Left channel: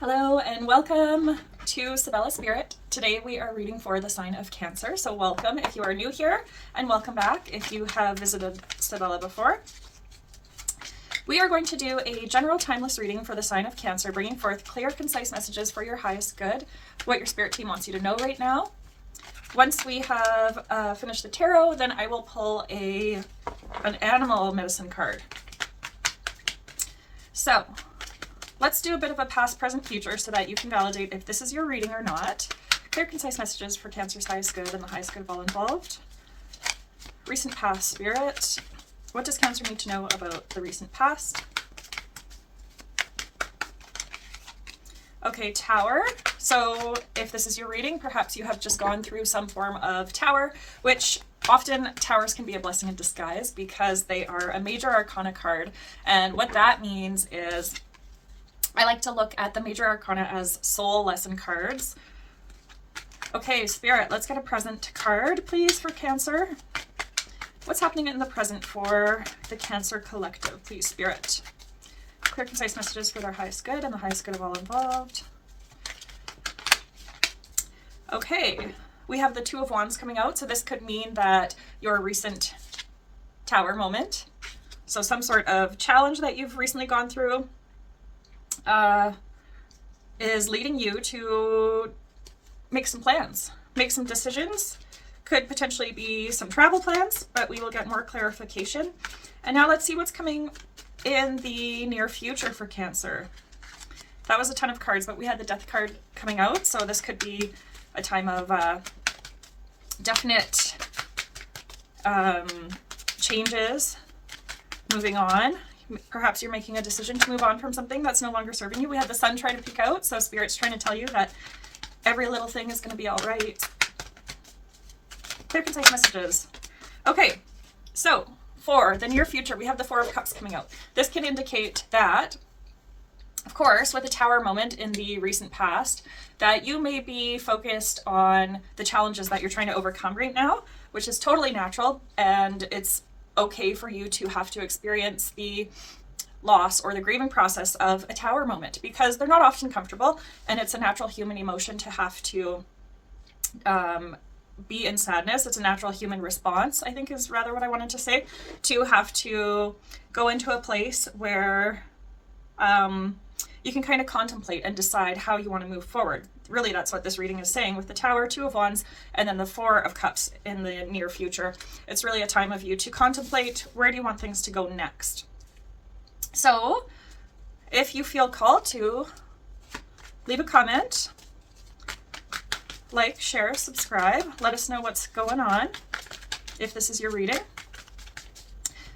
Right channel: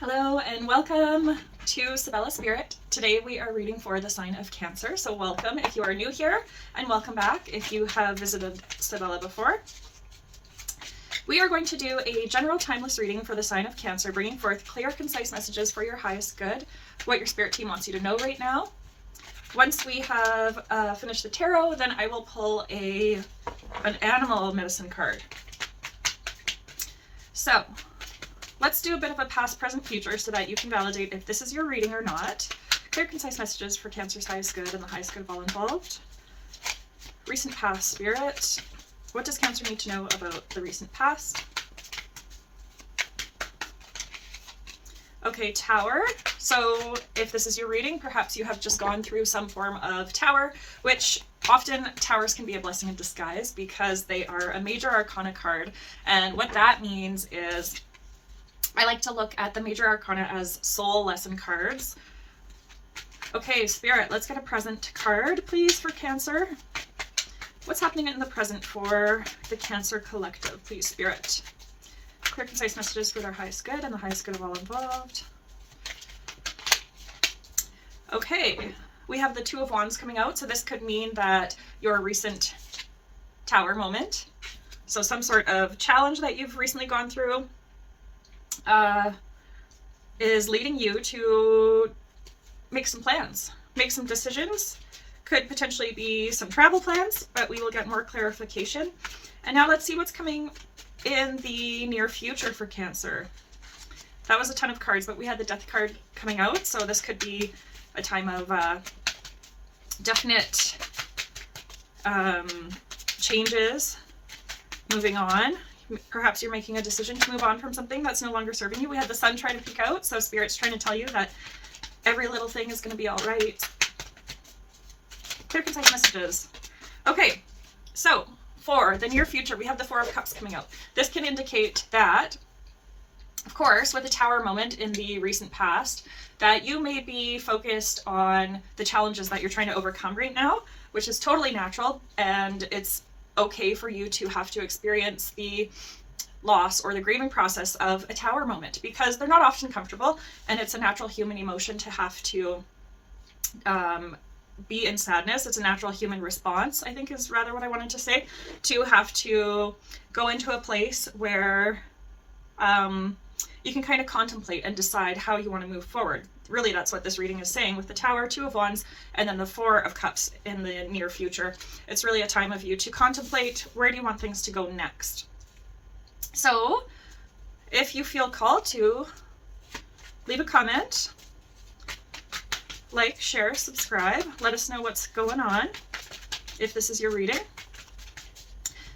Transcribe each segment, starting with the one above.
Hello and welcome to Sabella Spirit. Today we are reading for the sign of Cancer. So welcome if you are new here, and welcome back if you have visited Sabella before. We are going to do a general timeless reading for the sign of Cancer, bringing forth clear, concise messages for your highest good, what your spirit team wants you to know right now. Once we have finished the tarot, then I will pull an animal medicine card. So let's do a bit of a past, present, future so that you can validate if this is your reading or not. Clear, concise messages for Cancer's highest good and the highest good of all involved. Recent past, Spirit. What does Cancer need to know about the recent past? Okay, Tower. So if this is your reading, perhaps you have just gone through some form of Tower, which often towers can be a blessing in disguise because they are a major arcana card. And what that means is I like to look at the major arcana as soul lesson cards. Okay, Spirit, let's get a present card, please, for Cancer. What's happening in the present for the Cancer Collective, please, Spirit? Clear, concise messages for their highest good and the highest good of all involved. Okay, we have the Two of Wands coming out, so this could mean that your recent Tower moment, so some sort of challenge that you've recently gone through, is leading you to make some plans, make some decisions. Could potentially be some travel plans, but we will get more clarification. And now let's see what's coming in the near future for Cancer. That was a ton of cards, but we had the Death card coming out, so this could be a time of definite changes, moving on. Perhaps you're making a decision to move on from something that's no longer serving you. We had the Sun trying to peek out, so Spirit's trying to tell you that every little thing is going to be all right. Clear, concise messages. Okay, so for the near future, we have the Four of Cups coming out. This can indicate that, of course, with a Tower moment in the recent past, that you may be focused on the challenges that you're trying to overcome right now, which is totally natural, and it's okay for you to have to experience the loss or the grieving process of a Tower moment, because they're not often comfortable, and it's a natural human emotion to have to be in sadness. It's a natural human response, I think is rather what I wanted to say, to have to go into a place where you can kind of contemplate and decide how you want to move forward. Really, that's what this reading is saying with the Tower, Two of Wands, and then the Four of Cups in the near future. It's really a time of you to contemplate, where do you want things to go next? So if you feel called to, leave a comment, like, share, subscribe. Let us know what's going on if this is your reading.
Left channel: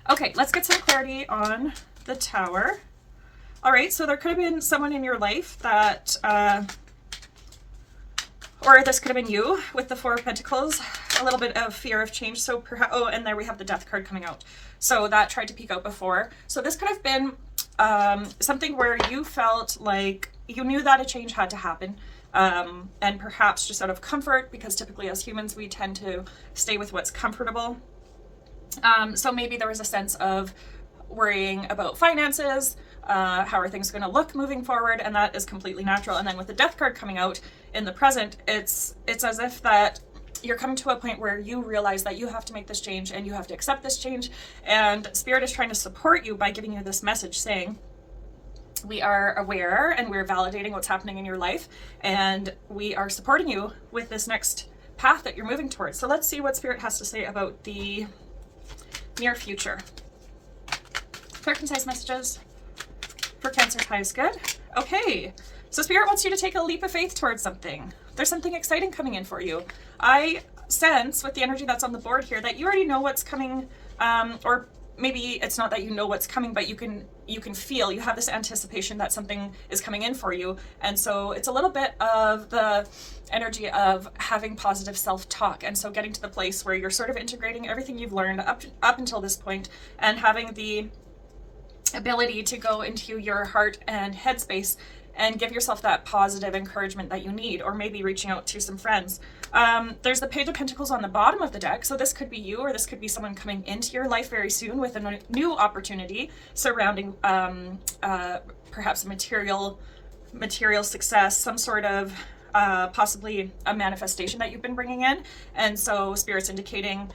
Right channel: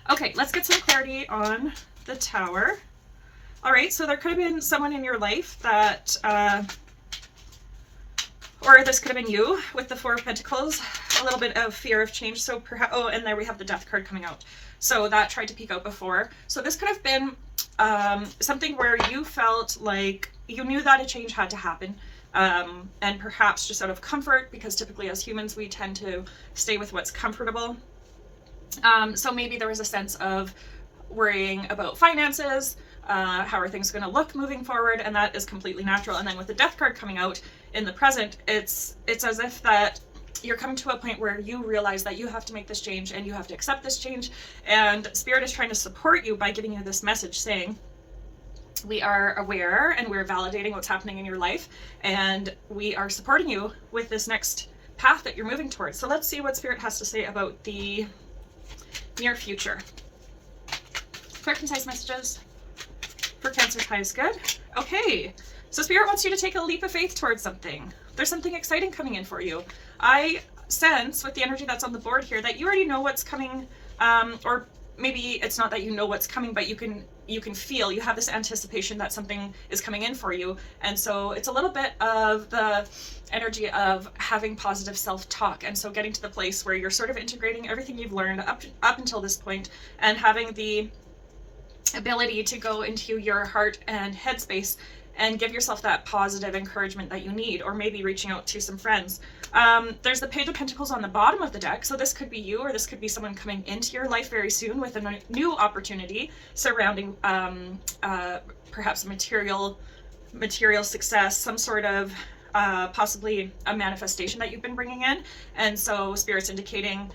Okay, let's get some clarity on the Tower. All right, so there could have been someone in your life that, or this could have been you with the Four of Pentacles, a little bit of fear of change. So perhaps, oh, and there we have the Death card coming out. So that tried to peek out before. So this could have been something where you felt like you knew that a change had to happen. And perhaps just out of comfort, because typically as humans we tend to stay with what's comfortable. So maybe there was a sense of worrying about finances, how are things going to look moving forward, and that is completely natural. And then with the Death card coming out in the present, it's as if that you're coming to a point where you realize that you have to make this change and you have to accept this change, and Spirit is trying to support you by giving you this message saying, we are aware and we're validating what's happening in your life, and we are supporting you with this next path that you're moving towards. So let's see what Spirit has to say about the near future. Clear, concise messages for Cancer's highest good. Okay, so Spirit wants you to take a leap of faith towards something. There's something exciting coming in for you. I sense with the energy that's on the board here that you already know what's coming, or maybe it's not that you know what's coming, but you can feel, you have this anticipation that something is coming in for you. And so it's a little bit of the energy of having positive self-talk, and so getting to the place where you're sort of integrating everything you've learned up until this point, and having the ability to go into your heart and headspace and give yourself that positive encouragement that you need, or maybe reaching out to some friends. There's the Page of Pentacles on the bottom of the deck, so this could be you, or this could be someone coming into your life very soon with a new opportunity surrounding perhaps a material material success, some sort of possibly a manifestation that you've been bringing in. And so Spirit's indicating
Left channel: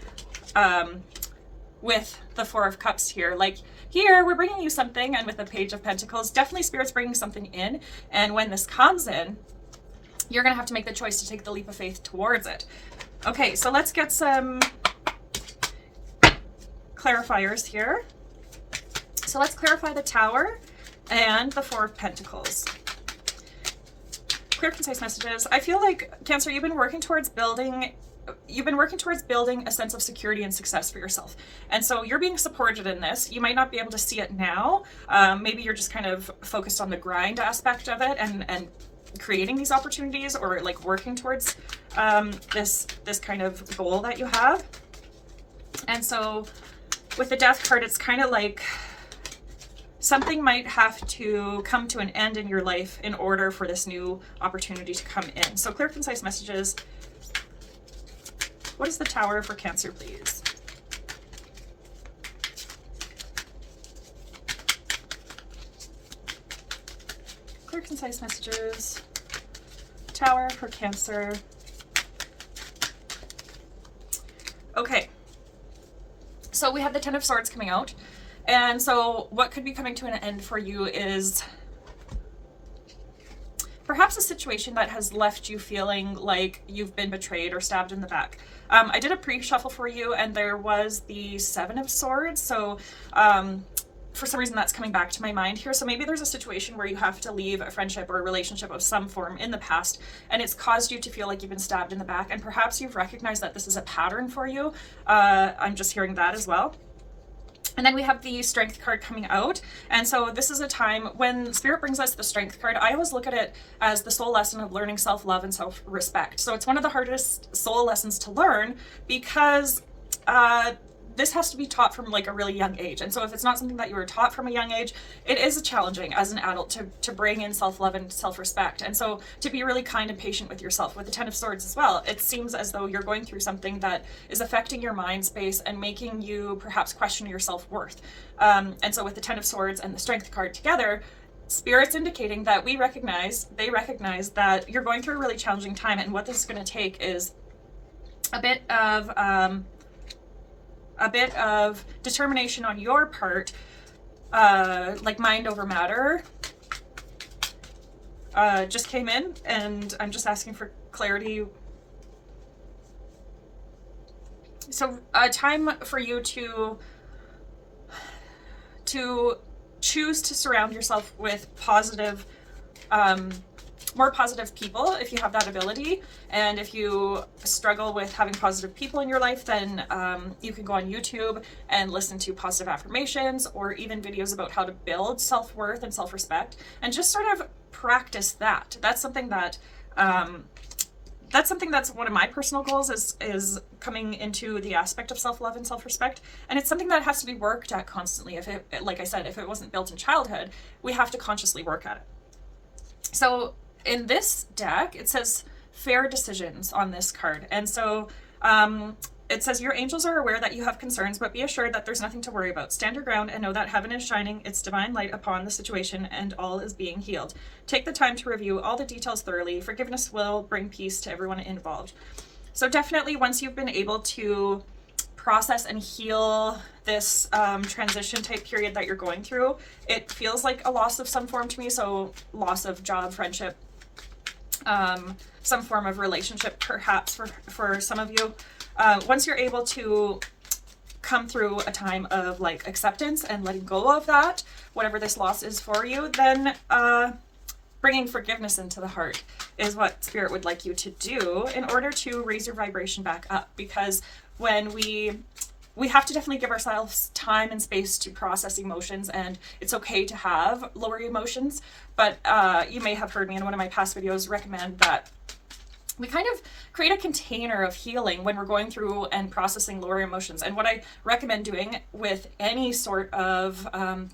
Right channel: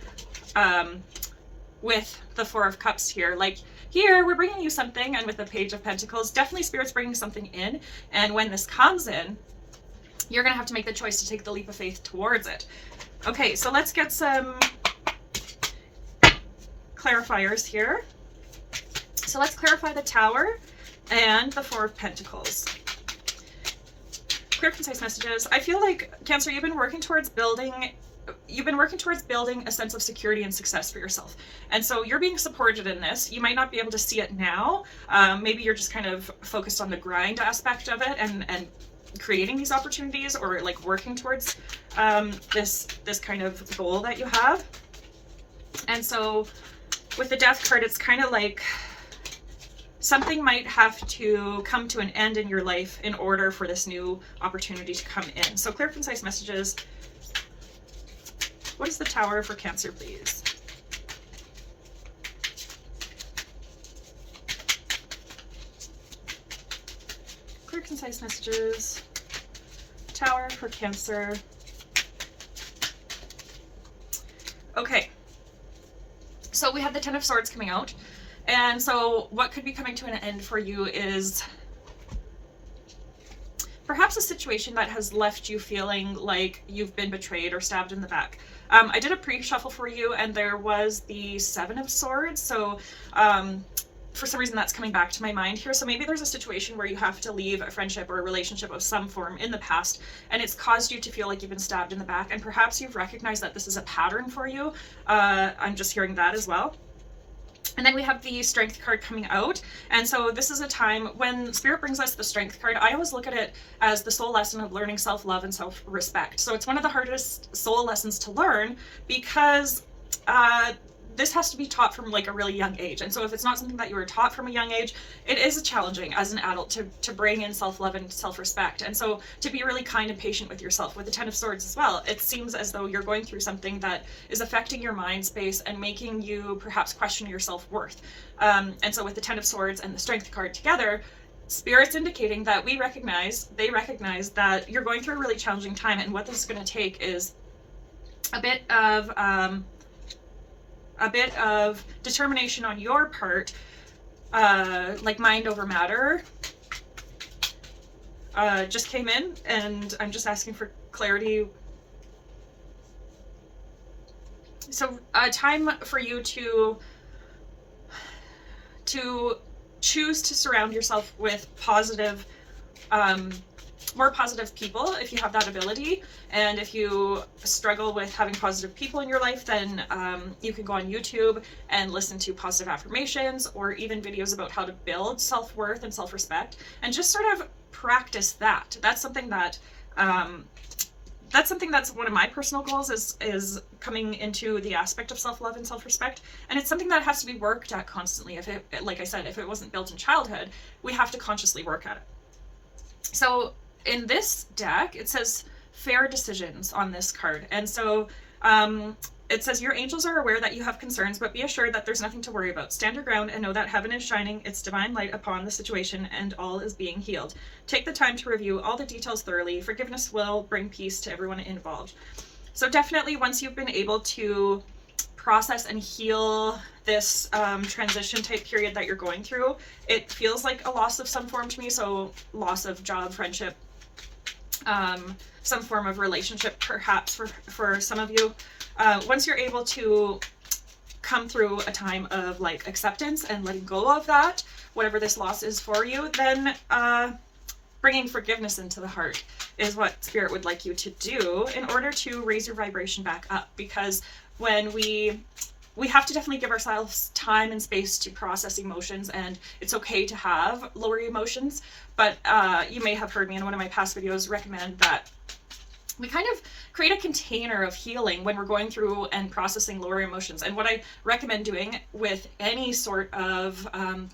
with the Four of Cups here, like here we're bringing you something, and with the Page of Pentacles, definitely Spirit's bringing something in. And when this comes in, you're going to have to make the choice to take the leap of faith towards it. Okay, so let's get some clarifiers here. So let's clarify the Tower and the Four of Pentacles. Clear, concise messages. I feel like, Cancer, you've been working towards building a sense of security and success for yourself. And so you're being supported in this. You might not be able to see it now. Maybe you're just kind of focused on the grind aspect of it and creating these opportunities, or like working towards this kind of goal that you have. And so with the Death card, it's kind of like something might have to come to an end in your life in order for this new opportunity to come in. So clear, concise messages. What is the Tower for Cancer, please? Clear, concise messages. Tower for Cancer. Okay. So we have the Ten of Swords coming out. And so what could be coming to an end for you is perhaps a situation that has left you feeling like you've been betrayed or stabbed in the back. I did a pre-shuffle for you, and there was the Seven of Swords. So for some reason that's coming back to my mind here. So maybe there's a situation where you have to leave a friendship or a relationship of some form in the past, and it's caused you to feel like you've been stabbed in the back. And perhaps you've recognized that this is a pattern for you. I'm just hearing that as well. And then we have the Strength card coming out. And so this is a time when Spirit brings us the Strength card. I always look at it as the soul lesson of learning self-love and self-respect. So it's one of the hardest soul lessons to learn, because this has to be taught from like a really young age. And so if it's not something that you were taught from a young age, it is challenging as an adult to bring in self-love and self-respect. And so to be really kind and patient with yourself. With the Ten of Swords as well, it seems as though you're going through something that is affecting your mind space and making you perhaps question your self-worth. And so with the Ten of Swords and the Strength card together, Spirit's indicating that they recognize that you're going through a really challenging time, and what this is going to take is a bit of determination on your part, like mind over matter, just came in, and I'm just asking for clarity. So a time for you to choose to surround yourself with positive, more positive people if you have that ability. And if you struggle with having positive people in your life, then you can go on YouTube and listen to positive affirmations, or even videos about how to build self-worth and self-respect, and just sort of practice that. That's something that's one of my personal goals, is coming into the aspect of self-love and self-respect. And it's something that has to be worked at constantly. If it, like I said, if it wasn't built in childhood, we have to consciously work at it. So in this deck, it says fair decisions on this card. And so it says, your angels are aware that you have concerns, but be assured that there's nothing to worry about. Stand your ground and know that heaven is shining its divine light upon the situation, and all is being healed. Take the time to review all the details thoroughly. Forgiveness will bring peace to everyone involved. So definitely, once you've been able to process and heal this transition type period that you're going through, it feels like a loss of some form to me. So loss of job, friendship, some form of relationship, perhaps for some of you. Once you're able to come through a time of like acceptance and letting go of that, whatever this loss is for you, then bringing forgiveness into the heart is what Spirit would like you to do in order to raise your vibration back up. Because when we have to definitely give ourselves time and space to process emotions, and it's okay to have lower emotions. But you may have heard me in one of my past videos recommend that we kind of create a container of healing when we're going through and processing lower emotions. And what I recommend doing with any sort of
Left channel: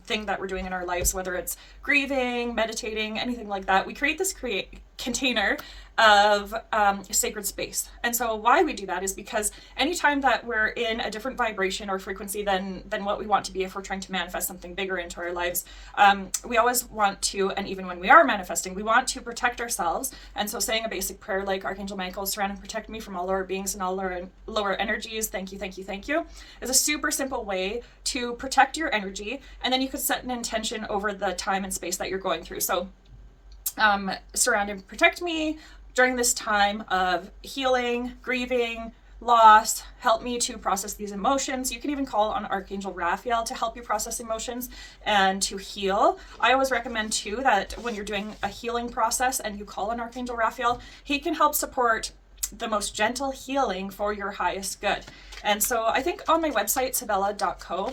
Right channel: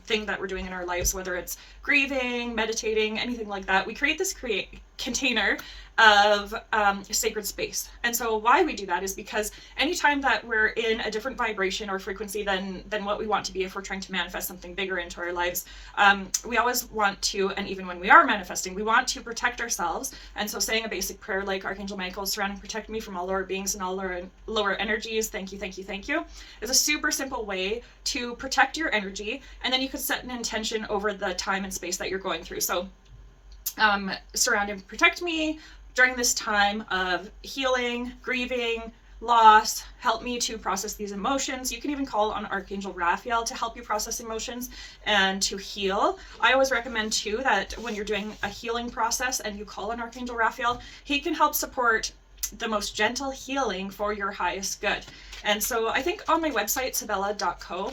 thing that we're doing in our lives, whether it's grieving, meditating, anything like that, we create this container of sacred space. And so why we do that is because anytime that we're in a different vibration or frequency than what we want to be, if we're trying to manifest something bigger into our lives, we always want to, and even when we are manifesting, we want to protect ourselves. And so saying a basic prayer like Archangel Michael, surround and protect me from all lower beings and all lower energies, thank you, thank you, thank you, is a super simple way to protect your energy. And then you could set an intention over the time and space that you're going through. So surround and protect me during this time of healing, grieving, loss. Help me to process these emotions. You can even call on Archangel Raphael to help you process emotions and to heal. I always recommend too that when you're doing a healing process and you call on Archangel Raphael, he can help support the most gentle healing for your highest good. And so I think on my website, sabella.co,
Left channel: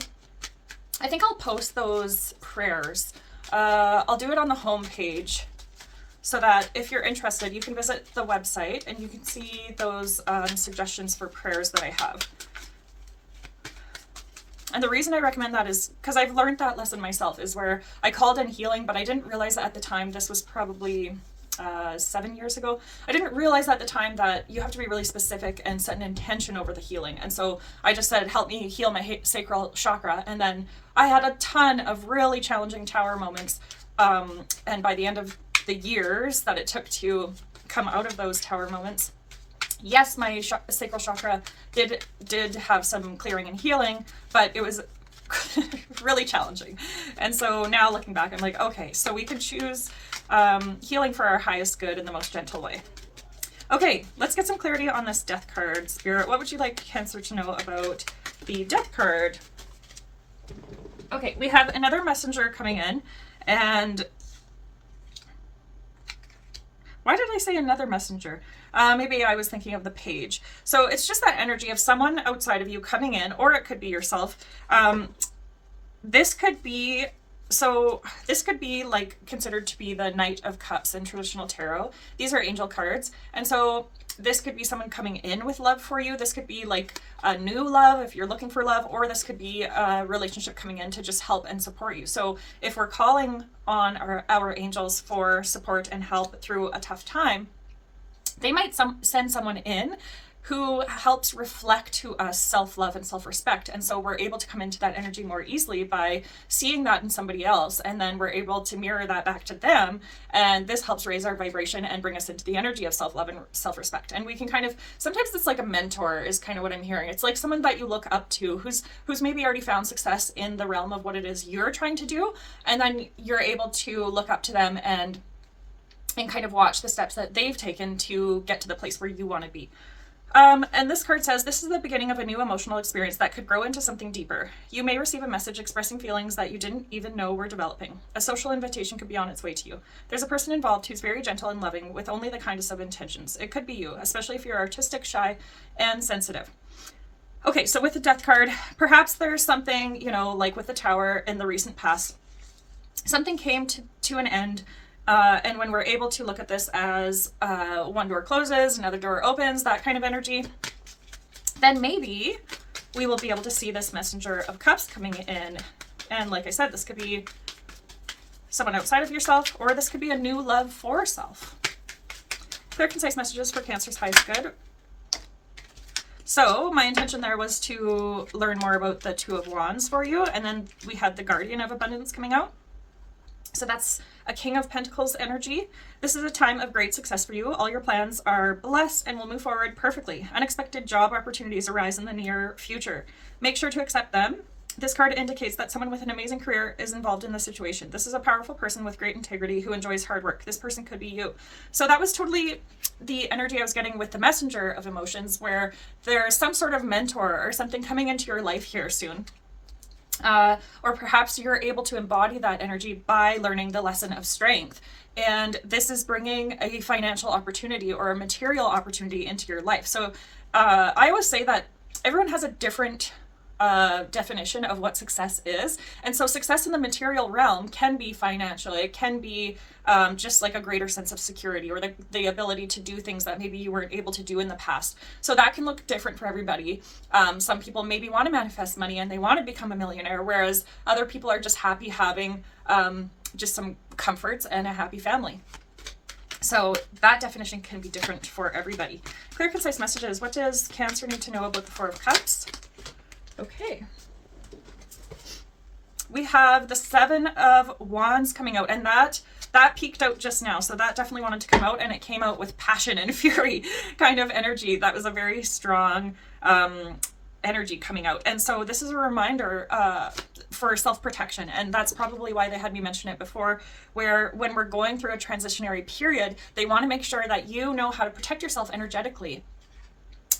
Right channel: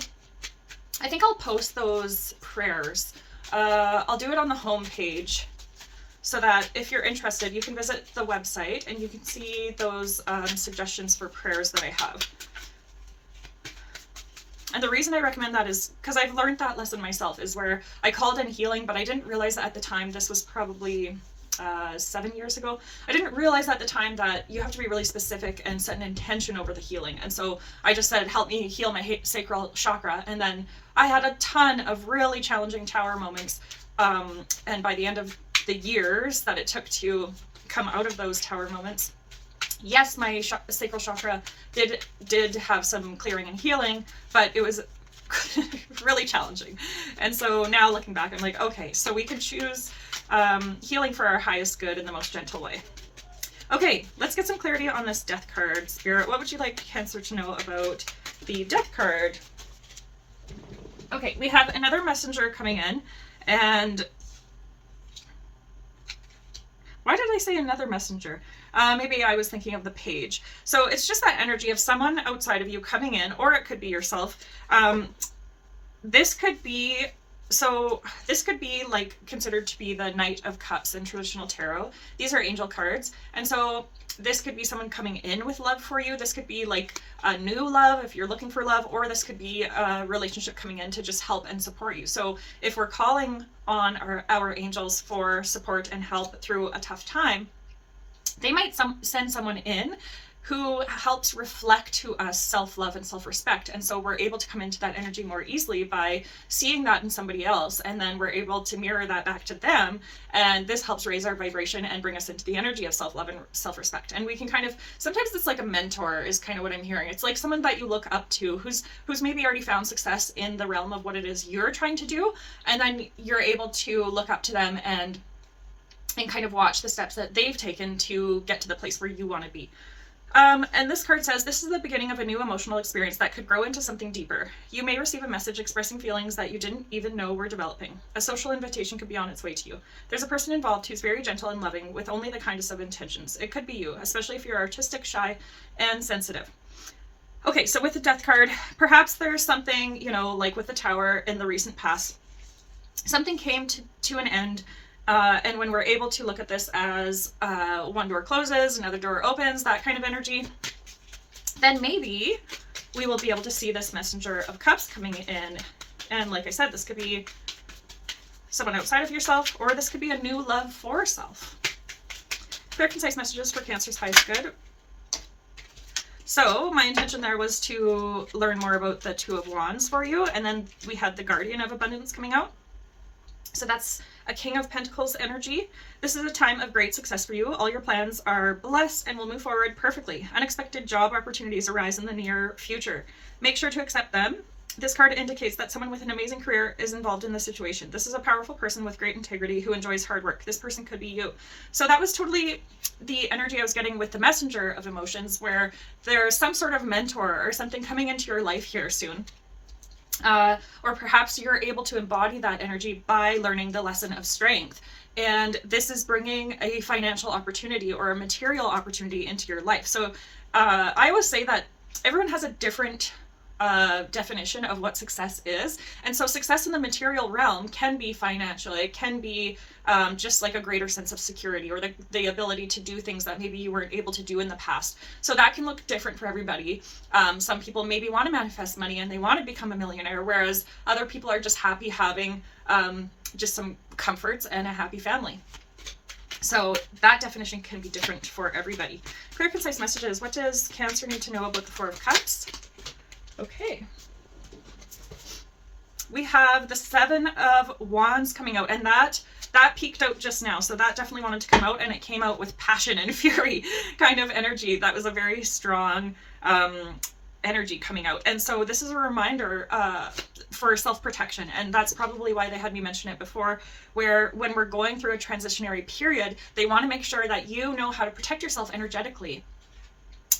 I think I'll post those prayers. I'll do it on the home page, so that if you're interested, you can visit the website and you can see those suggestions for prayers that I have. And the reason I recommend that is because I've learned that lesson myself, is where I called in healing, but I didn't realize that at the time. This was probably 7 years ago. I didn't realize at the time that you have to be really specific and set an intention over the healing. And so I just said, help me heal my sacral chakra. And then I had a ton of really challenging tower moments. And by the end of the years that it took to come out of those tower moments, yes, my sacral chakra did have some clearing and healing, but it was really challenging. And so now looking back, I'm like, okay, so we can choose healing for our highest good in the most gentle way. Okay, let's get some clarity on this death card. Spirit, what would you like Cancer to know about the death card? Okay, we have another messenger coming in, and why did I say another messenger? Maybe I was thinking of the page. So it's just that energy of someone outside of you coming in, or it could be yourself. This could be like considered to be the Knight of Cups in traditional tarot. These are angel cards. And so this could be someone coming in with love for you. This could be like a new love if you're looking for love, or this could be a relationship coming in to just help and support you. So if we're calling on our angels for support and help through a tough time, they might send someone in who helps reflect to us self-love and self-respect. And so we're able to come into that energy more easily by seeing that in somebody else, and then we're able to mirror that back to them. And this helps raise our vibration and bring us into the energy of self-love and self-respect. And we can kind of, sometimes it's like a mentor is kind of what I'm hearing. It's like someone that you look up to who's maybe already found success in the realm of what it is you're trying to do. And then you're able to look up to them and kind of watch the steps that they've taken to get to the place where you want to be. And this card says, this is the beginning of a new emotional experience that could grow into something deeper. You may receive a message expressing feelings that you didn't even know were developing. A social invitation could be on its way to you. There's a person involved who's very gentle and loving with only the kindest of intentions. It could be you, especially if you're artistic, shy, and sensitive. Okay, so with the death card, perhaps there's something, like with the tower in the recent past, something came to an end. And when we're able to look at this as one door closes, another door opens, that kind of energy, then maybe we will be able to see this Messenger of Cups coming in. And like I said, this could be someone outside of yourself, or this could be a new love for self. Clear, concise messages for Cancer's highest good. So my intention there was to learn more about the Two of Wands for you. And then we had the Guardian of Abundance coming out. So that's a King of Pentacles energy. This is a time of great success for you. All your plans are blessed and will move forward perfectly. Unexpected job opportunities arise in the near future. Make sure to accept them. This card indicates that someone with an amazing career is involved in the situation. This is a powerful person with great integrity who enjoys hard work. This person could be you. So that was totally the energy I was getting with the Messenger of Emotions, where there's some sort of mentor or something coming into your life here soon. Or perhaps you're able to embody that energy by learning the lesson of strength. And this is bringing a financial opportunity or a material opportunity into your life. So I always say that everyone has a different definition of what success is. And so success in the material realm can be financial. It can be just like a greater sense of security, or the ability to do things that maybe you weren't able to do in the past. So that can look different for everybody. Some people maybe want to manifest money and they want to become a millionaire, whereas other people are just happy having just some comforts and a happy family. So that definition can be different for everybody. Clear, concise messages. What does Cancer need to know about the Four of Cups? Okay. We have the Seven of Wands coming out, and that peaked out just now. So that definitely wanted to come out, and it came out with passion and fury kind of energy. That was a very strong energy coming out. And so this is a reminder for self-protection, and that's probably why they had me mention it before, where when we're going through a transitionary period, they want to make sure that you know how to protect yourself energetically.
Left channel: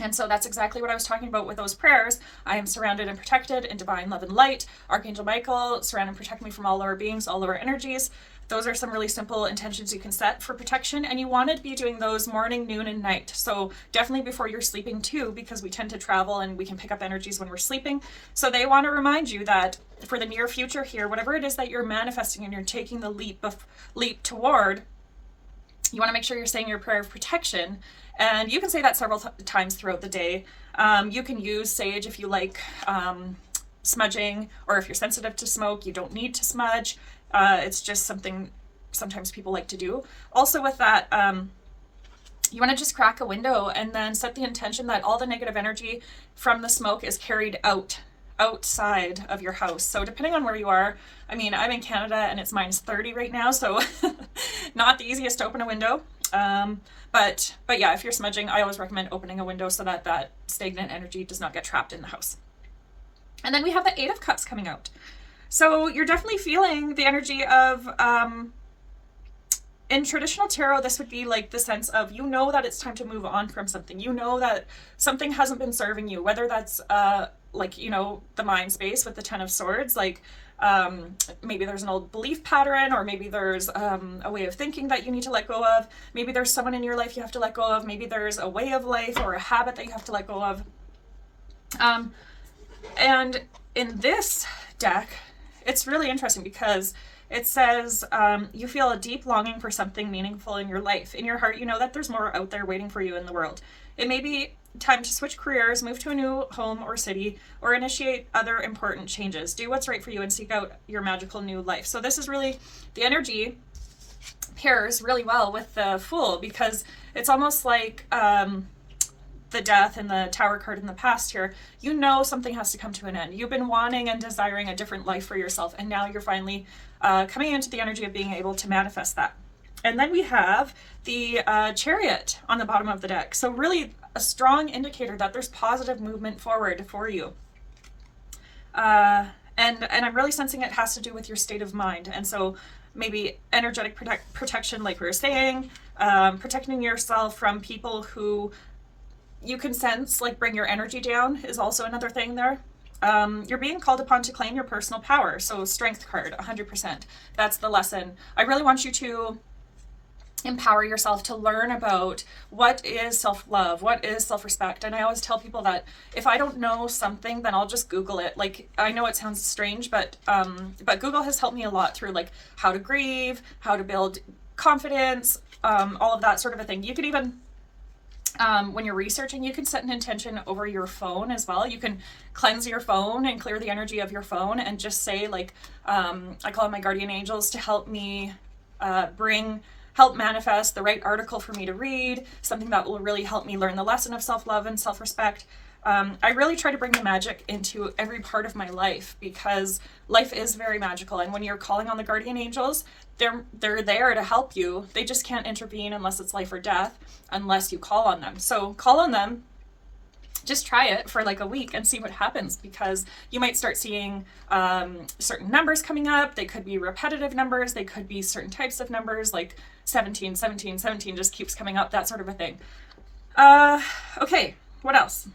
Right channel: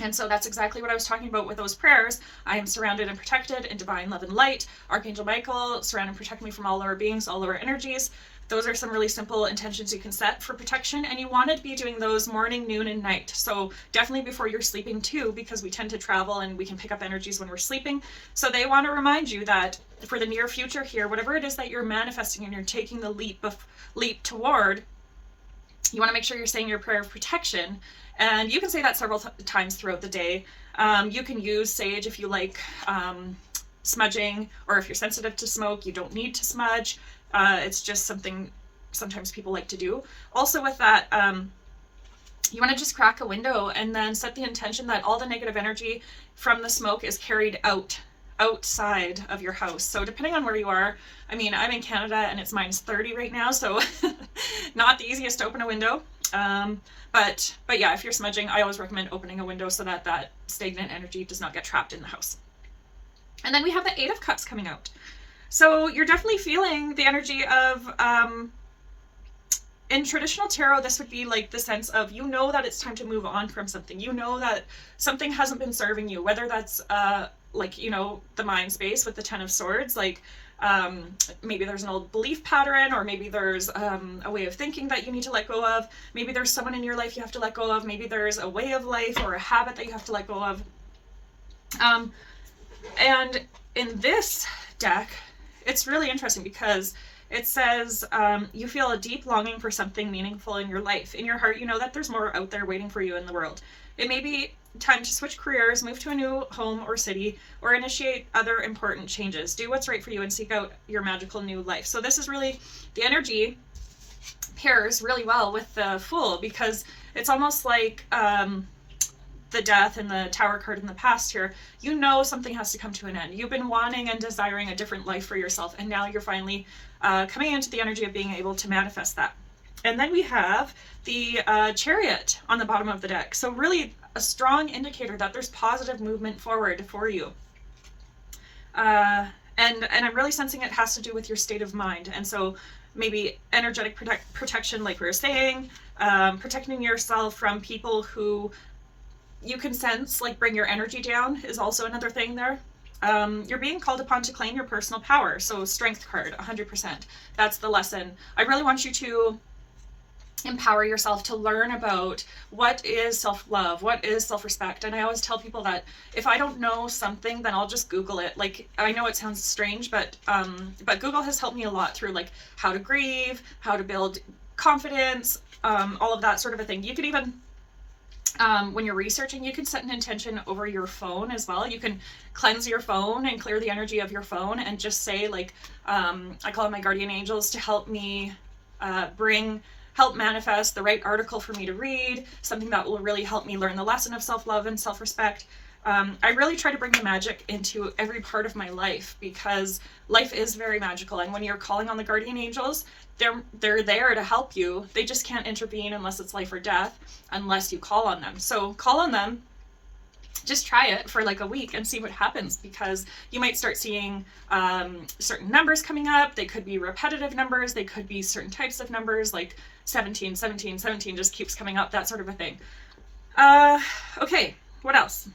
And so that's exactly what I was talking about with those prayers. I am surrounded and protected in divine love and light. Archangel Michael, surround and protect me from all lower beings, all lower energies. Those are some really simple intentions you can set for protection, and you want to be doing those morning, noon, and night. So definitely before you're sleeping too, because we tend to travel and we can pick up energies when we're sleeping. So they want to remind you that for the near future here, whatever it is that you're manifesting and you're taking the leap toward, you want to make sure you're saying your prayer of protection. And you can say that several times throughout the day. You can use sage if you like smudging, or if you're sensitive to smoke, you don't need to smudge. It's just something sometimes people like to do. Also with that, you want to just crack a window and then set the intention that all the negative energy from the smoke is carried outside of your house. So depending on where you are, I mean, I'm in Canada and it's -30 right now, so not the easiest to open a window. But yeah, if you're smudging, I always recommend opening a window so that that stagnant energy does not get trapped in the house. And then we have the Eight of Cups coming out. So you're definitely feeling the energy of, in traditional tarot, this would be like the sense of, you know that it's time to move on from something. You know that something hasn't been serving you, whether that's like, you know, the mind space with the Ten of Swords, like maybe there's an old belief pattern, or maybe there's a way of thinking that you need to let go of. Maybe there's someone in your life you have to let go of. Maybe there's a way of life or a habit that you have to let go of. And in this deck, it's really interesting because it says you feel a deep longing for something meaningful in your life. In your heart, you know that there's more out there waiting for you in the world. It may be time to switch careers, move to a new home or city, or initiate other important changes. Do what's right for you and seek out your magical new life. So this is really, the energy pairs really well with the Fool, because it's almost like the Death and the Tower card in the past here. You know something has to come to an end. You've been wanting and desiring a different life for yourself, and now you're finally coming into the energy of being able to manifest that. And then we have the Chariot on the bottom of the deck. So really a strong indicator that there's positive movement forward for you. And I'm really sensing it has to do with your state of mind. And so maybe energetic protection, like we were saying, protecting yourself from people who you can sense like bring your energy down is also another thing there. You're being called upon to claim your personal power. So Strength card, 100%. That's the lesson. I really want you to empower yourself to learn about what is self-love, what is self-respect. And I always tell people that if I don't know something, then I'll just Google it. Like, I know it sounds strange, but Google has helped me a lot through like how to grieve, how to build confidence, all of that sort of a thing. You can even when you're researching, you can set an intention over your phone as well. You can cleanse your phone and clear the energy of your phone and just say like, I call on my guardian angels to help me help manifest the right article for me to read, something that will really help me learn the lesson of self-love and self-respect. I really try to bring the magic into every part of my life, because life is very magical. And when you're calling on the guardian angels, they're there to help you. They just can't intervene unless it's life or death, unless you call on them. So call on them. Just try it for like a week and see what happens, because you might start seeing certain numbers coming up. They could be repetitive numbers. They could be certain types of numbers, like 17, 17, 17 just keeps coming up, that sort of a thing. Okay, what else?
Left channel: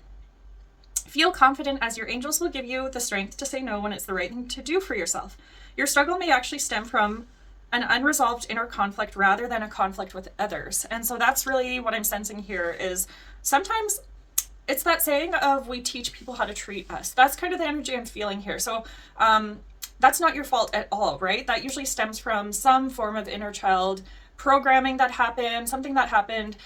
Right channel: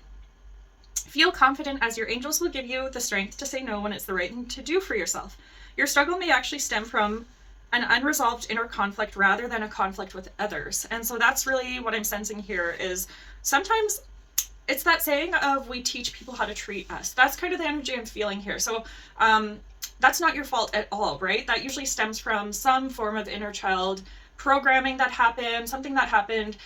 Feel confident, as your angels will give you the strength to say no when it's the right thing to do for yourself. Your struggle may actually stem from an unresolved inner conflict rather than a conflict with others. And so that's really what I'm sensing here, is sometimes it's that saying of we teach people how to treat us. That's kind of the energy I'm feeling here. So that's not your fault at all, right? That usually stems from some form of inner child programming that happened, something that happened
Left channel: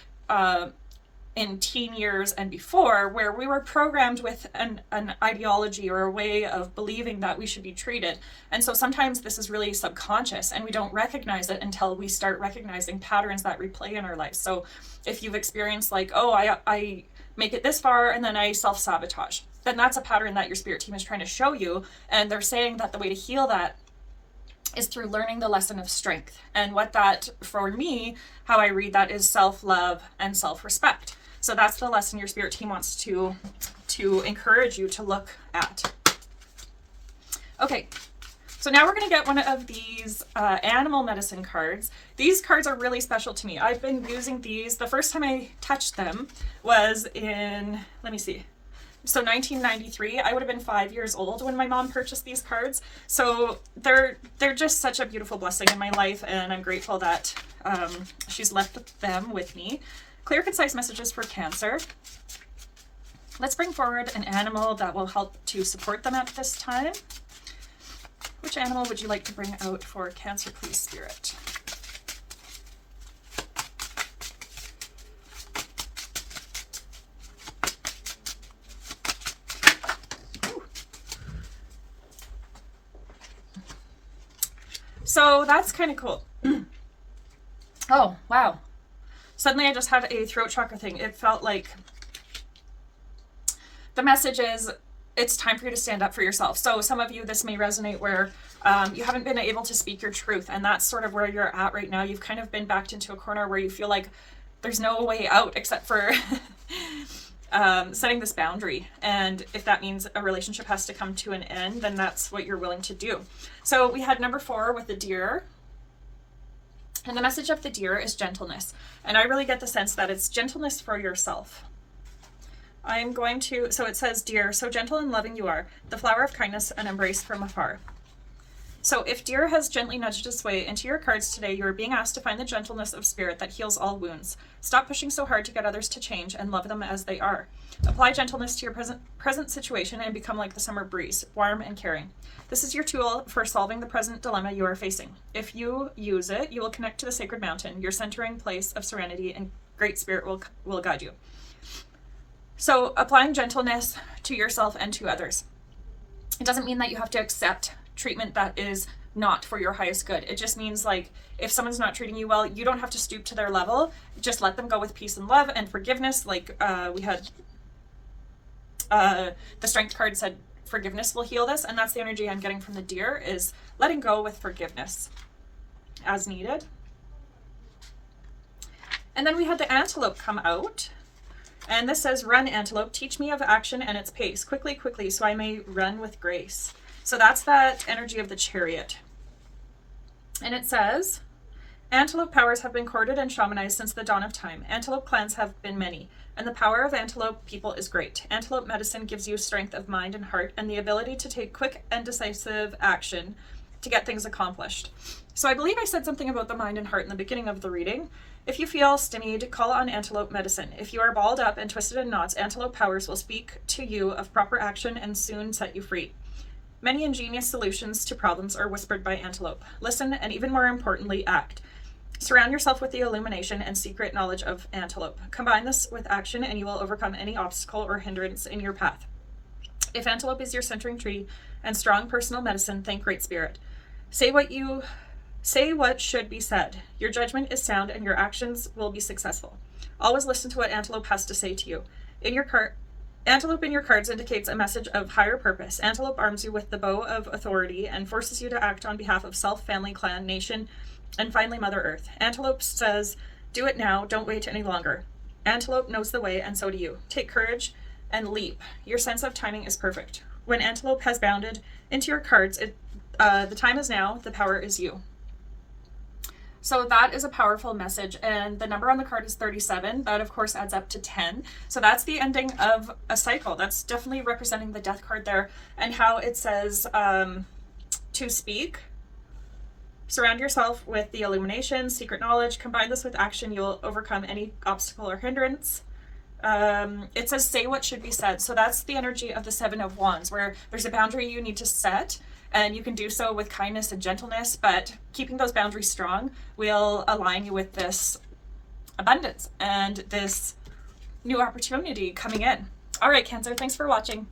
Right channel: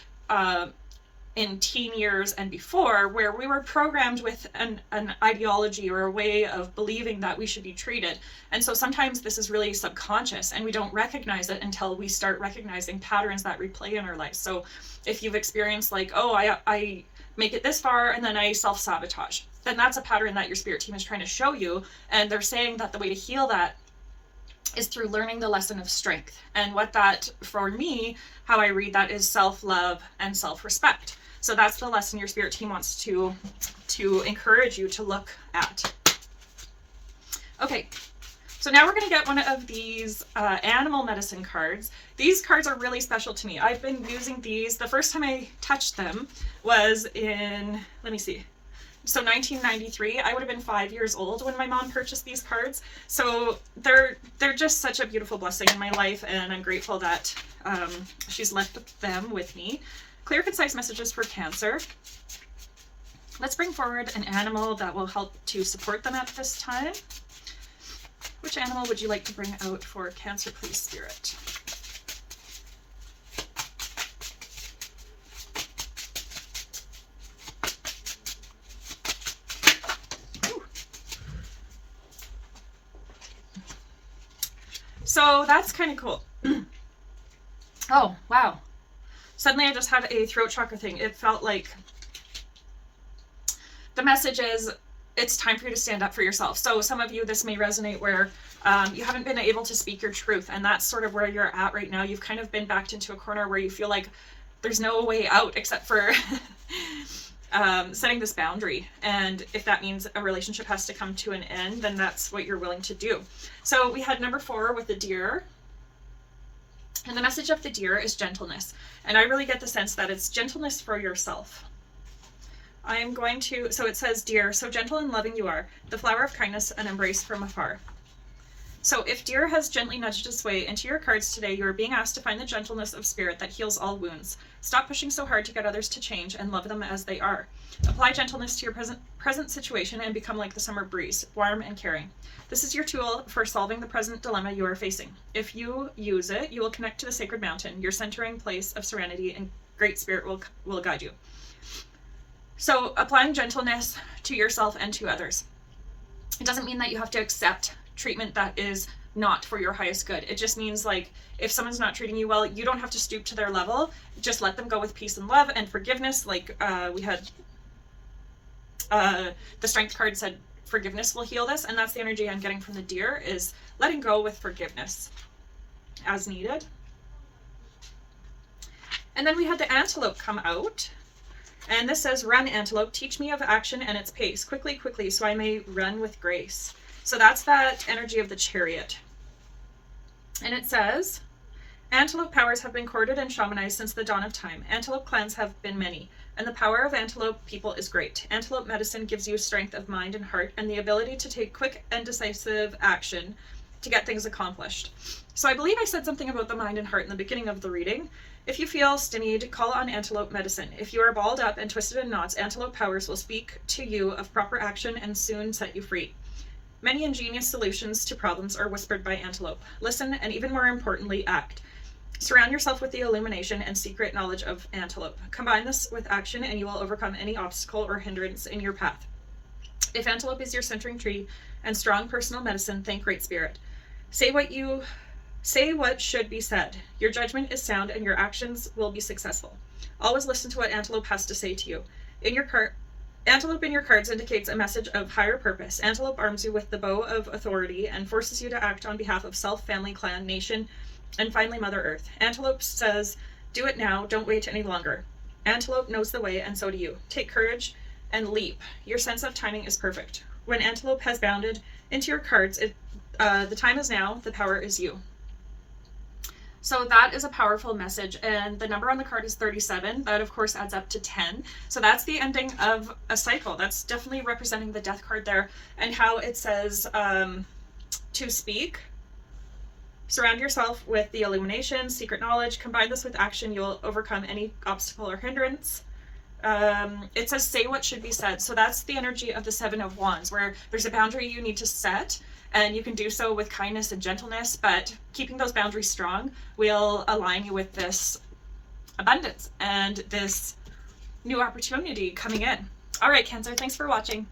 in teen years and before, where we were programmed with an ideology or a way of believing that we should be treated. And so sometimes this is really subconscious and we don't recognize it until we start recognizing patterns that replay in our lives. So if you've experienced like, oh, I make it this far and then I self-sabotage, then that's a pattern that your spirit team is trying to show you. And they're saying that the way to heal that is through learning the lesson of strength. And what that, for me, how I read that is self-love and self-respect. So that's the lesson your spirit team wants to encourage you to look at. Okay, so now we're going to get one of these animal medicine cards. These cards are really special to me. I've been using these. The first time I touched them was in, let me see, so 1993. I would have been 5 years old when my mom purchased these cards. So they're just such a beautiful blessing in my life, and I'm grateful that she's left them with me. Clear, concise messages for Cancer. Let's bring forward an animal that will help to support them at this time. Which animal would you like to bring out for Cancer, please, Spirit? Ooh. So that's kind of cool. Oh, wow. Suddenly I just had a throat chakra thing. It felt like the message is it's time for you to stand up for yourself. So some of you, this may resonate where you haven't been able to speak your truth, and that's sort of where you're at right now. You've kind of been backed into a corner where you feel like there's no way out except for setting this boundary. And if that means a relationship has to come to an end, then that's what you're willing to do. So we had number 4 with the deer. And the message of the deer is gentleness. And I really get the sense that it's gentleness for yourself. I'm going to, so it says, dear, so gentle and loving you are, the flower of kindness and embrace from afar. So if deer has gently nudged its way into your cards today, you are being asked to find the gentleness of spirit that heals all wounds. Stop pushing so hard to get others to change and love them as they are. Apply gentleness to your present situation and become like the summer breeze, warm and caring. This is your tool for solving the present dilemma you are facing. If you use it, you will connect to the sacred mountain, your centering place of serenity, and Great Spirit will guide you. So applying gentleness to yourself and to others. It doesn't mean that you have to accept treatment that is not for your highest good. It just means like if someone's not treating you well, you don't have to stoop to their level. Just let them go with peace and love and forgiveness. Like we had the strength card said forgiveness will heal this, and that's the energy I'm getting from the deer, is letting go with forgiveness as needed. And then we had the antelope come out. And this says, run, antelope, teach me of action and its pace. Quickly, quickly, so I may run with grace. So that's that energy of the chariot. And it says, antelope powers have been courted and shamanized since the dawn of time. Antelope clans have been many, and the power of antelope people is great. Antelope medicine gives you strength of mind and heart and the ability to take quick and decisive action to get things accomplished. So I believe I said something about the mind and heart in the beginning of the reading. If you feel stymied, call on antelope medicine. If you are balled up and twisted in knots, antelope powers will speak to you of proper action and soon set you free. Many ingenious solutions to problems are whispered by antelope. Listen, and even more importantly, act. Surround yourself with the illumination and secret knowledge of antelope. Combine this with action and you will overcome any obstacle or hindrance in your path. If antelope is your centering tree and strong personal medicine, thank Great Spirit. Say what should be said. Your judgment is sound and your actions will be successful. Always listen to what antelope has to say to you. Antelope in your cards indicates a message of higher purpose. Antelope arms you with the bow of authority and forces you to act on behalf of self, family, clan, nation, and finally Mother Earth. Antelope says, do it now, don't wait any longer. Antelope knows the way, and so do you. Take courage and leap. Your sense of timing is perfect. When Antelope has bounded into your cards, the time is now, the power is you. So that is a powerful message, and the number on the card is 37. That of course adds up to 10. So that's the ending of a cycle. That's definitely representing the death card there, and how it says to speak. Surround yourself with the illumination, secret knowledge. Combine this with action. You'll overcome any obstacle or hindrance. It says say what should be said. So that's the energy of the 7 of Wands, where there's a boundary you need to set. And you can do so with kindness and gentleness, but keeping those boundaries strong will align you with this abundance and this new opportunity coming in. All right, Cancer, thanks for watching.